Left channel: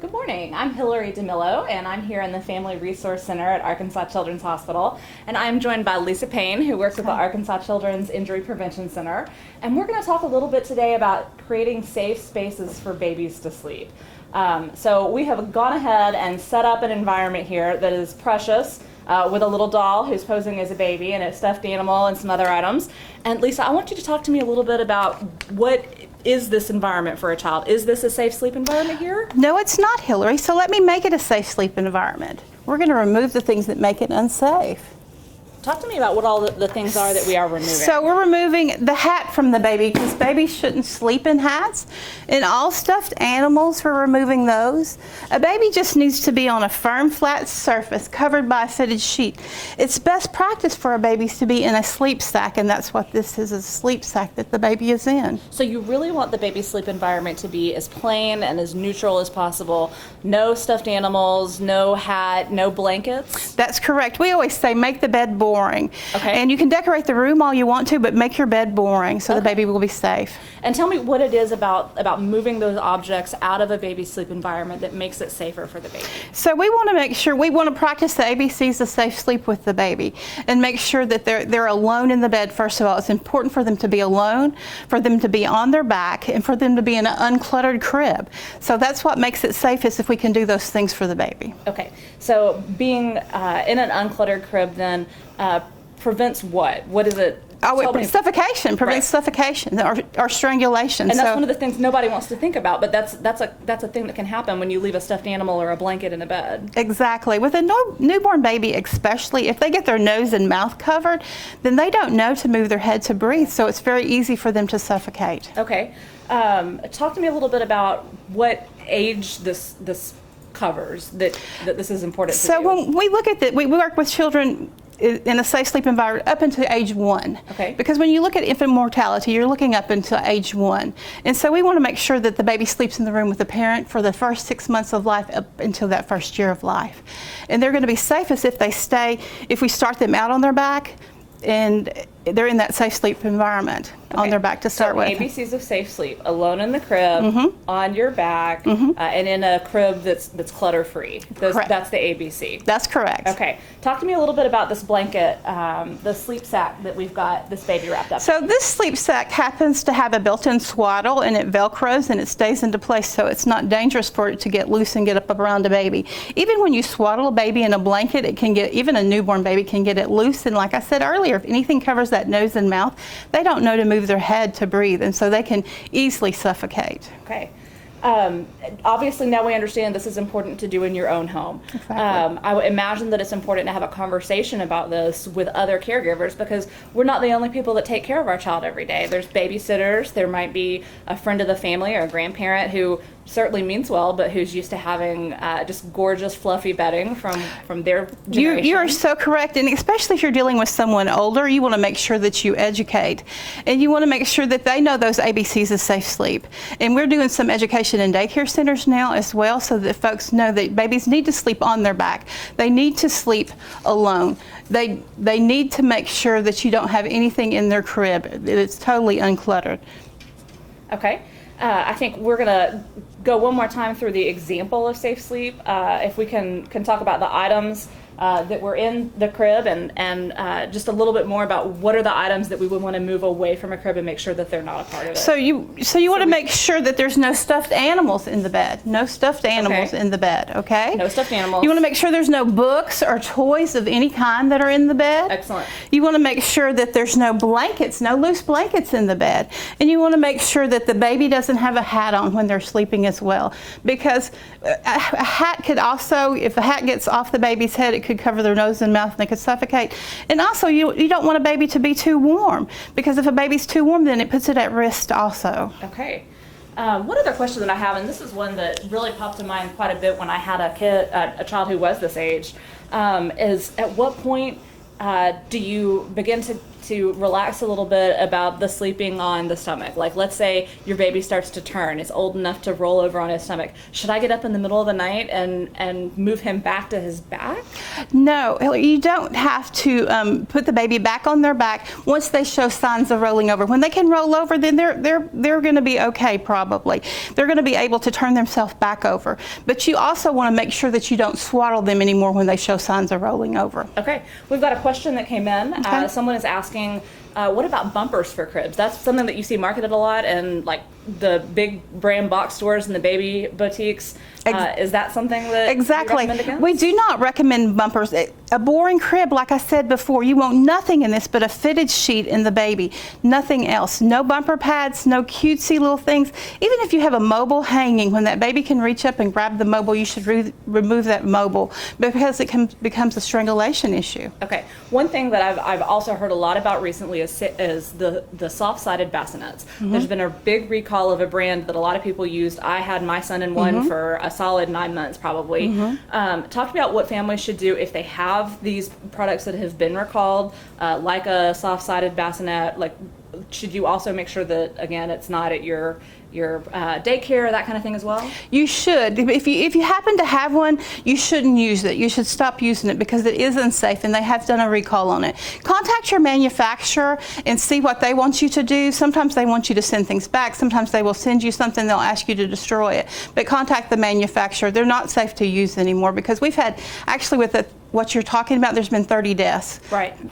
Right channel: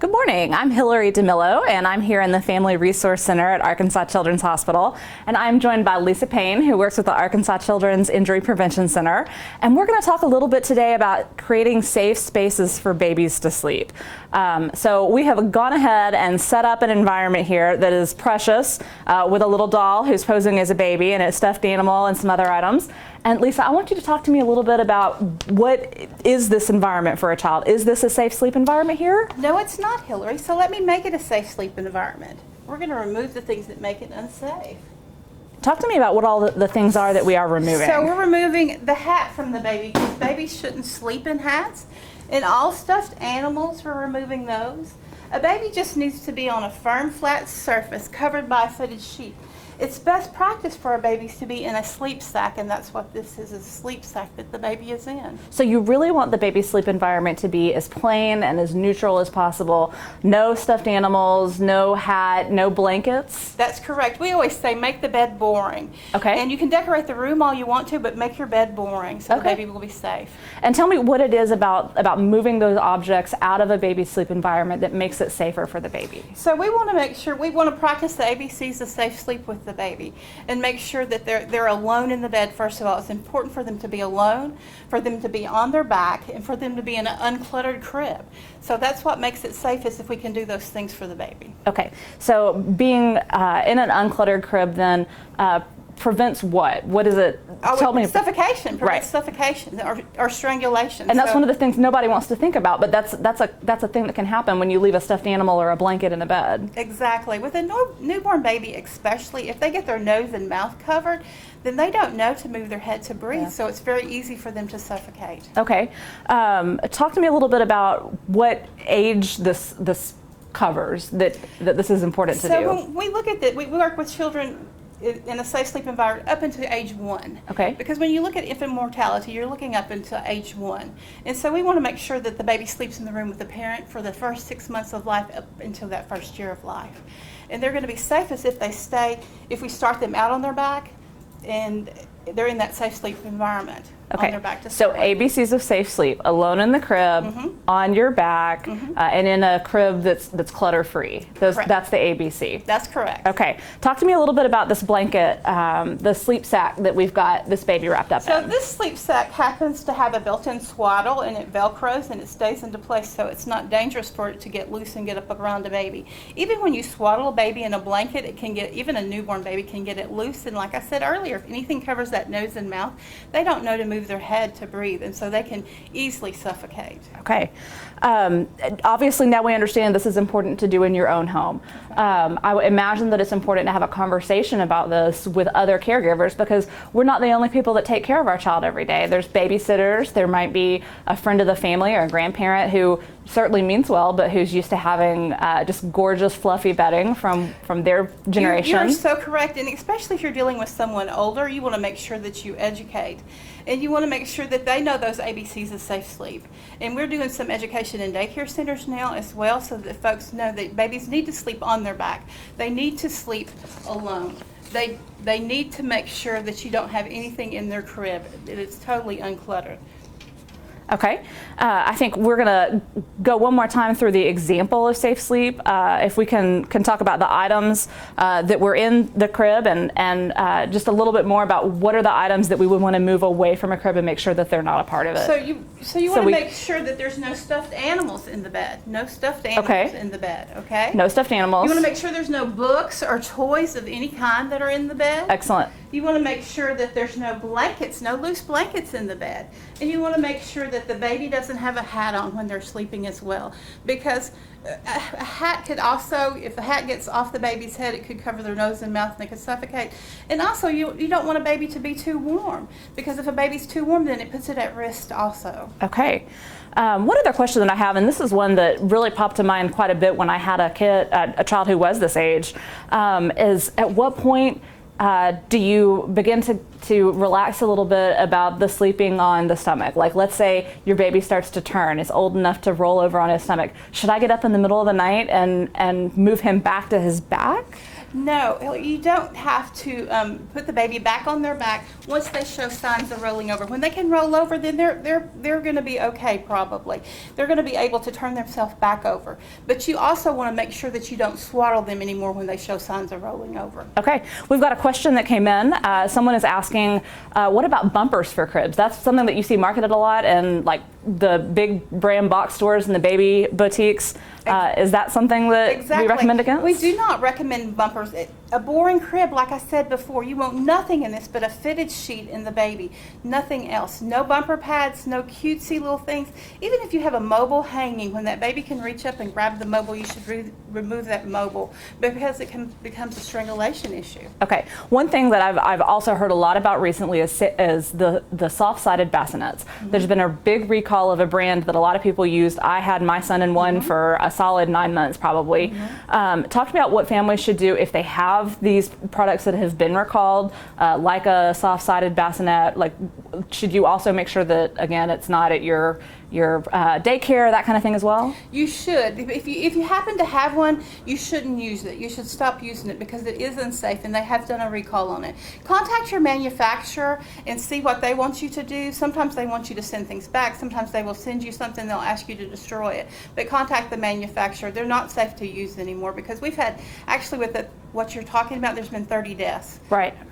Good morning. I'm Hillary DeMillo, and I'm here in the Family Resource Center at Arkansas Children's Hospital. And I'm joined by Lessa Payne, who works with the Arkansas Children's Injury Prevention Center. And we're going to talk a little bit today about creating safe spaces for babies to sleep. So we have gone ahead and set up an environment here that is precious, with a little doll who's posing as a baby and a stuffed animal and some other items. And Lessa, I want you to talk to me a little bit about what is this environment for a child? Is this a safe sleep environment here? No, it's not, Hillary. So let me make it a safe sleep environment. We're going to remove the things that make it unsafe. Talk to me about what all the things are that we are removing. So we're removing the hat from the baby because babies shouldn't sleep in hats. And all stuffed animals, we're removing those. A baby just needs to be on a firm, flat surface covered by a fitted sheet. It's best practice for our babies to be in a sleep sack, and that's what this is, a sleep sack that the baby is in. So you really want the baby sleep environment to be as plain and as neutral as possible. No stuffed animals, no hat, no blankets? That's correct. We always say make the bed boring. Okay. And you can decorate the room all you want to, but make your bed boring so the baby will be safe. And tell me what it is about moving those objects out of a baby sleep environment that makes it safer for the baby. So we want to make sure, we want to practice the ABCs of safe sleep with the baby and make sure that they're alone in the bed. First of all, it's important for them to be alone, for them to be on their back, and for them to be in an uncluttered crib. So that's what makes it safest if we can do those things for the baby. Okay, so being in an uncluttered crib then prevents what? What is it? Suffocation, prevents suffocation or strangulation. And that's one of the things nobody wants to think about, but that's a thing that can happen when you leave a stuffed animal or a blanket in a bed. Exactly. With a newborn baby especially, if they get their nose and mouth covered, then they don't know to move their head to breathe, so it's very easy for them to suffocate. Okay. Talk to me a little bit about what age this covers, that this is important to do. So when we look at that, we work with children in a safe sleep environment up until age 1. Okay. Because when you look at infant mortality, you're looking up until age 1. And so we want to make sure that the baby sleeps in the room with the parent for the first 6 months of life up until that first year of life. And they're going to be safest if they stay, if we start them out on their back and they're in that safe sleep environment on their back to start with. So ABCs of safe sleep: alone in the crib, on your back, and in a crib that's clutter-free. That's the ABC. That's correct. Okay. Talk to me a little bit about this blanket, the sleep sack that we've got this baby wrapped up So in. this sleep sack happens to have a built-in swaddle, and it velcros and it stays into place, so it's not dangerous for it to get loose and get up around a baby. Even when you swaddle a baby in a blanket, it can get, even a newborn baby can get it loose, and like I said earlier, if anything covers that nose and mouth, they don't know to move their head to breathe, and so they can easily suffocate. Okay. Obviously now we understand this is important to do in your own home. Exactly. I would imagine that it's important to have a conversation about this with other caregivers, because we're not the only people that take care of our child every day. There's babysitters, there might be a friend of the family or a grandparent who certainly means well, but who's used to having just gorgeous fluffy bedding from their generation. You're so correct, and especially if you're dealing with someone older, you want to make sure that you educate, and you want to make sure that they know those ABCs of safe sleep. And we're doing some education in daycare centers now as well, so that folks know that babies need to sleep on their back. They need to sleep alone. They need to make sure that you don't have anything in their crib. It's totally uncluttered. Okay. I think we're going to go one more time through the example of safe sleep. If we can talk about the items that were in the crib, and just a little bit more about what are the items that we would want to move away from a crib and make sure that they're not a part of it. So you want to make sure that there's no stuffed animals in the bed. No stuffed animals in the bed, okay? No stuffed animals. You want to make sure there's no books or toys of any kind that are in the bed. Excellent. You want to make sure that there's no blankets, no loose blankets in the bed. And you want to make sure that the baby doesn't have a hat on when they're sleeping as well, because a hat could also, if a hat gets off the baby's head, it could cover their nose and mouth and they could suffocate. And also you don't want a baby to be too warm, because if a baby's too warm, then it puts it at risk also. Okay. One other question that I have, and this is one that really popped to mind quite a bit when I had a child who was this age, is at what point do you begin to to relax a little bit about the sleeping on the stomach. Like, let's say your baby starts to turn, is old enough to roll over on his stomach. Should I get up in the middle of the night and move him back to his back? No, you don't have to put the baby back on their back once they show signs of rolling over. When they can roll over, then they're going to be okay, probably. They're going to be able to turn themselves back over. But you also want to make sure that you don't swaddle them anymore when they show signs of rolling over. Okay, we've got a question that came in. Okay. Someone is asking, what about bumpers for cribs? That's something that you see marketed a lot in like the big brand box stores and the baby boutiques. Is that something that you recommend against? We do not recommend bumpers. A boring crib, like I said before, you want nothing in this but a fitted sheet in the baby. Nothing else. No bumper pads, no cutesy little things. Even if you have a mobile hanging, when that baby can reach up and grab the mobile, you should remove that mobile because it becomes a strangulation issue. Okay. One thing that I've also heard a lot about recently is the soft-sided bassinets. There's been a big recall of a brand that a lot of people used. I had my son in one for a solid 9 months probably. Talk to me about what families should do if they have these products that have been recalled, like a soft-sided bassinet. Like, should you also make sure that, again, it's not at your daycare, that kind of thing as well? You should. If you happen to have one, you shouldn't use it. You should stop using it because it is unsafe and they have done a recall on it. Contact your manufacturer and see what they want you to do. Sometimes they want you to send things back. Sometimes they will send you something, they'll ask you to destroy it. But contact the manufacturer. They're not safe to use anymore because we've had, actually with what you're talking about, there's been 30 deaths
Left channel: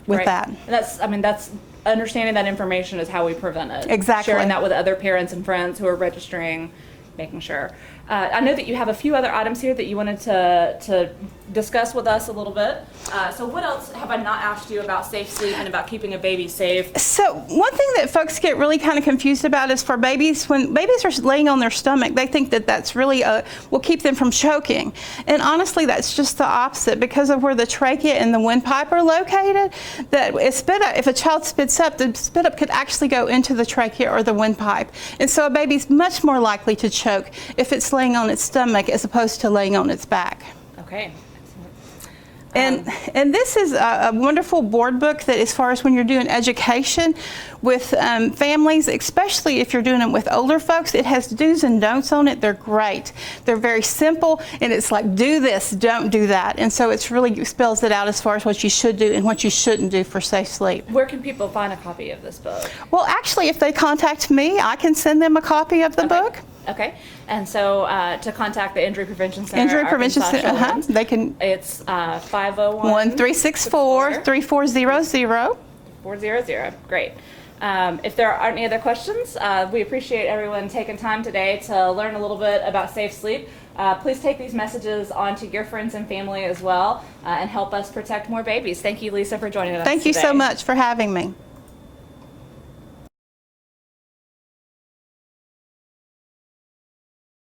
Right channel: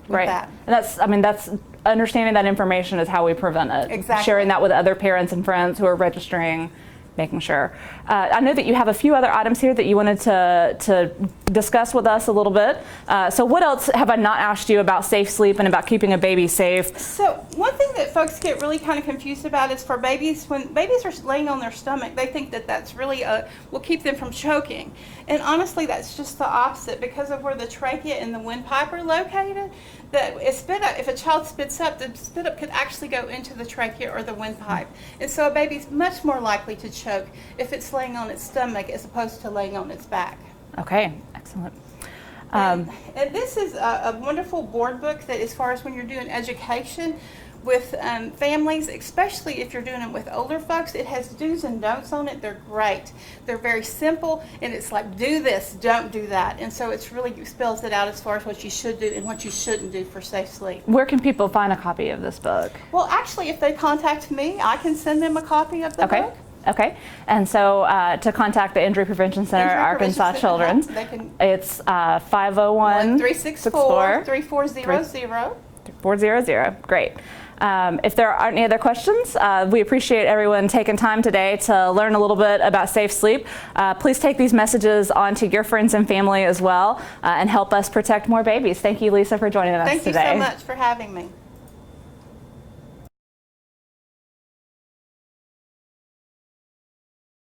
with that. And that's understanding that information is how we prevent it. Exactly. Sharing that with other parents and friends who are registering, making sure. I know that you have a few other items here that you wanted to discuss with us a little bit. So what else have I not asked you about safe sleep and about keeping a baby safe? So one thing that folks get really kind of confused about is for babies, when babies are laying on their stomach, they think that that's really will keep them from choking. And honestly, that's just the opposite because of where the trachea and the windpipe are located. That if a child spits up, the spit up could actually go into the trachea or the windpipe. And so a baby's much more likely to choke if it's laying on its stomach as opposed to laying on its back. Okay, excellent. And this is a wonderful board book that, as far as when you're doing education with families, especially if you're doing it with older folks, it has do's and don'ts on it. They're great. They're very simple, and it's like, do this, don't do that. And so it's really spells it out as far as what you should do and what you shouldn't do for safe sleep. Where can people find a copy of this book? Well, actually, if they contact me, I can send them a copy of the book. Okay, and so to contact the Injury Prevention Center, Arkansas Children's, they can. It's 501-364-3400. 400. Great. If there aren't any other questions, we appreciate everyone taking time today to learn a little bit about safe sleep. Please take these messages on to your friends and family as well and help us protect more babies. Thank you, Lessa, for joining us today. Thank you so much for having me.